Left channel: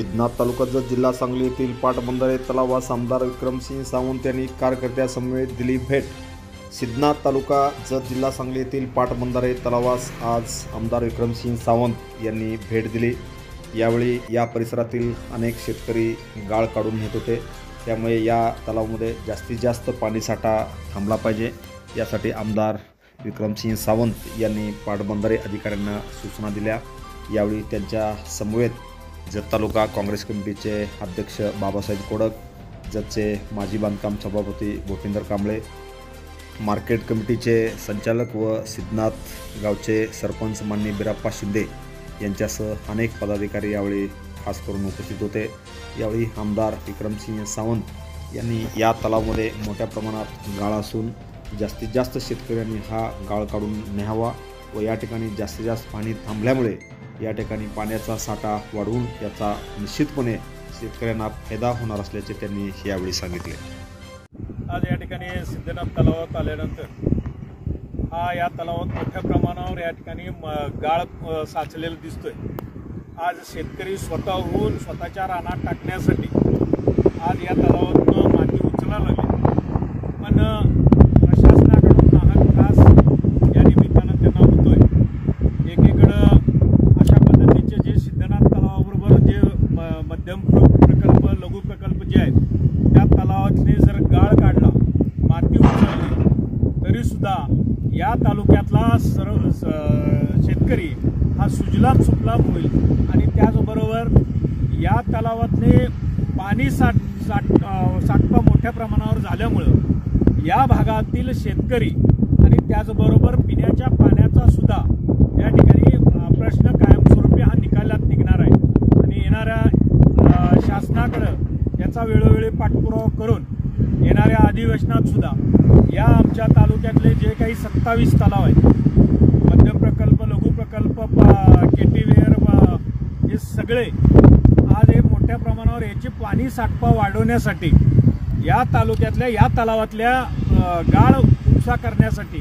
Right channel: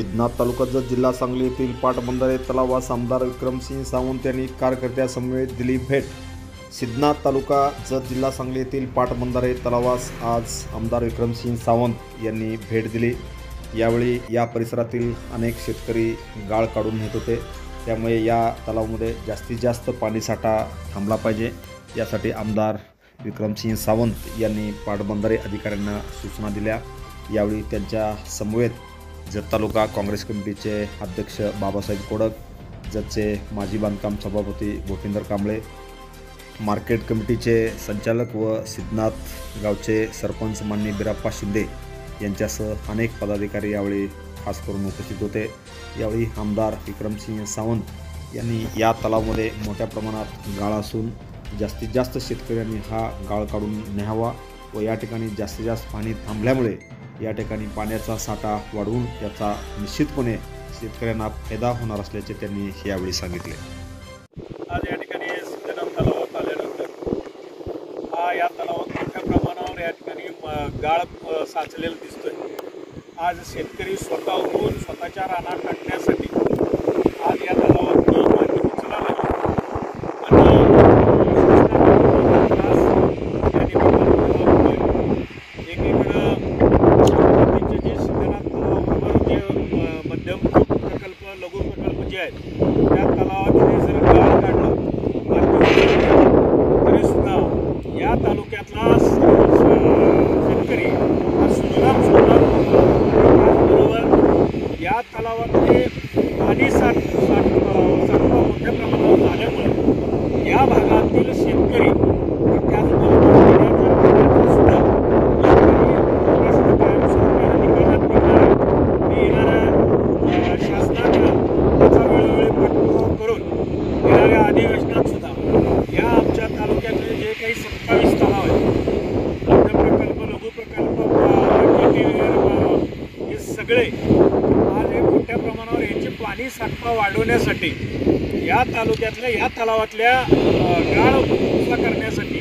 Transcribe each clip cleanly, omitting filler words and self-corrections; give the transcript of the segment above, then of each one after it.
सिद्धनाथ तालुका जत जिल्हा सांगली येथील पाटबंधारे तलावास आमदार विक्रमसिंह सावंत यांनी कार्यकर्त्यांसमवेत दिली भेट। सिद्धनाथ तालुका जत जिल्हा सांगली येथील पाटबंधारे तलावास आज आमदार विक्रमसिंह सावंत यांनी भेट दिली। यावेळी या परिसरातील अनेक शेतकरी गाळ काढून नेत होते, त्यामुळे या तलावामध्ये जास्तीत जास्त पाणीसाठा थांबला पाहिजे, यासाठी आमदार विक्रमसिंह सावंत यांनी पाटबंधारे अधिकाऱ्यांना सूचना दिल्या। यावेळी त्यांच्या समवेत जत तालुका काँग्रेस कमिटीचे अध्यक्ष बाबासाहेब कोडक, जतचे माजी बांधकाम सभापती भूपिंदर कांबळे, मार्केट कमिटीचे संचालक व सिद्धनाथ गावचे सरपंच माननीय बिराप्पा शिंदे यांच्यासह अनेक पदाधिकारी यावेळी खास करून उपस्थित होते। यावेळी आमदार विक्रमसिंह सावंत यांनी या तलावामध्ये मोठ्या प्रमाणात गाळ असून जास्तीत जास्त शेतकऱ्यांनी हा गाळ काढून न्यावा व या ठिकाणी जास्तीत जास्त पाणी थांबल्यामुळे या ठिकाणी पाण्याचा साठा वाढवून याचा निश्चितपणे शेतकऱ्यांना फायदा होणार असल्याचे त्यांनी यावेळी सांगितले। आज या ठिकाणी सिद्धनाथ तलावात आल्यानंतर या तलावात मोठ्या प्रमाणावर या ठिकाणी गाळ साचलेला दिसतोय। आज शेतकरी स्वतःहून स्वतःच्या रानात टाकण्यासाठी आज या तलावात पाणी उचलायला मध्यम प्रकल्प लघु प्रकल्प जे आहेत त्या तलावाचे जर गाळ काढला माती तरी सुद्धा या तालुक्यातला शेतकरी हा सुजलाम सुफलाम होईल। आणि त्याचबरोबर या तलावातले पाणी साठवा मोठ्या प्रमाणावर झाल्यामुळं या भागातील शेतकरी आणि त्याचबरोबर पिण्याच्या पाण्याचा सुद्धा या ठिकाणी प्रश्न कायमस्वरूपी हा निकालात निघणार आहे। शासनाकडं त्याचा वेळोवेळी पाठपुरावा करून येणाऱ्या अधिवेशनात सुद्धा या आमच्या तालुक्यातले जे काही 27 तलाव आहेत, मध्यम प्रकल्प लघु प्रकल्प हे सगळे आज हे मोठ्या प्रमाणावर याचे पाणी साठवा वाढवण्यासाठी या तालुक्यातल्या या तलावातल्या गाळ उपसा करण्यासाठी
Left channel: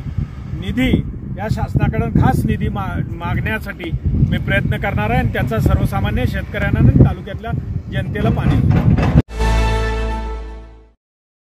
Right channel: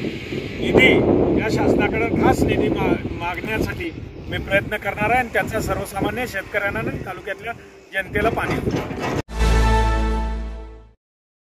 निधी या शासनाकडून खास निधी मागण्यासाठी मी प्रयत्न करणार आहे आणि त्याचा सर्वसामान्य शेतकऱ्यांना आणि तालुक्यातल्या जनतेला पाणी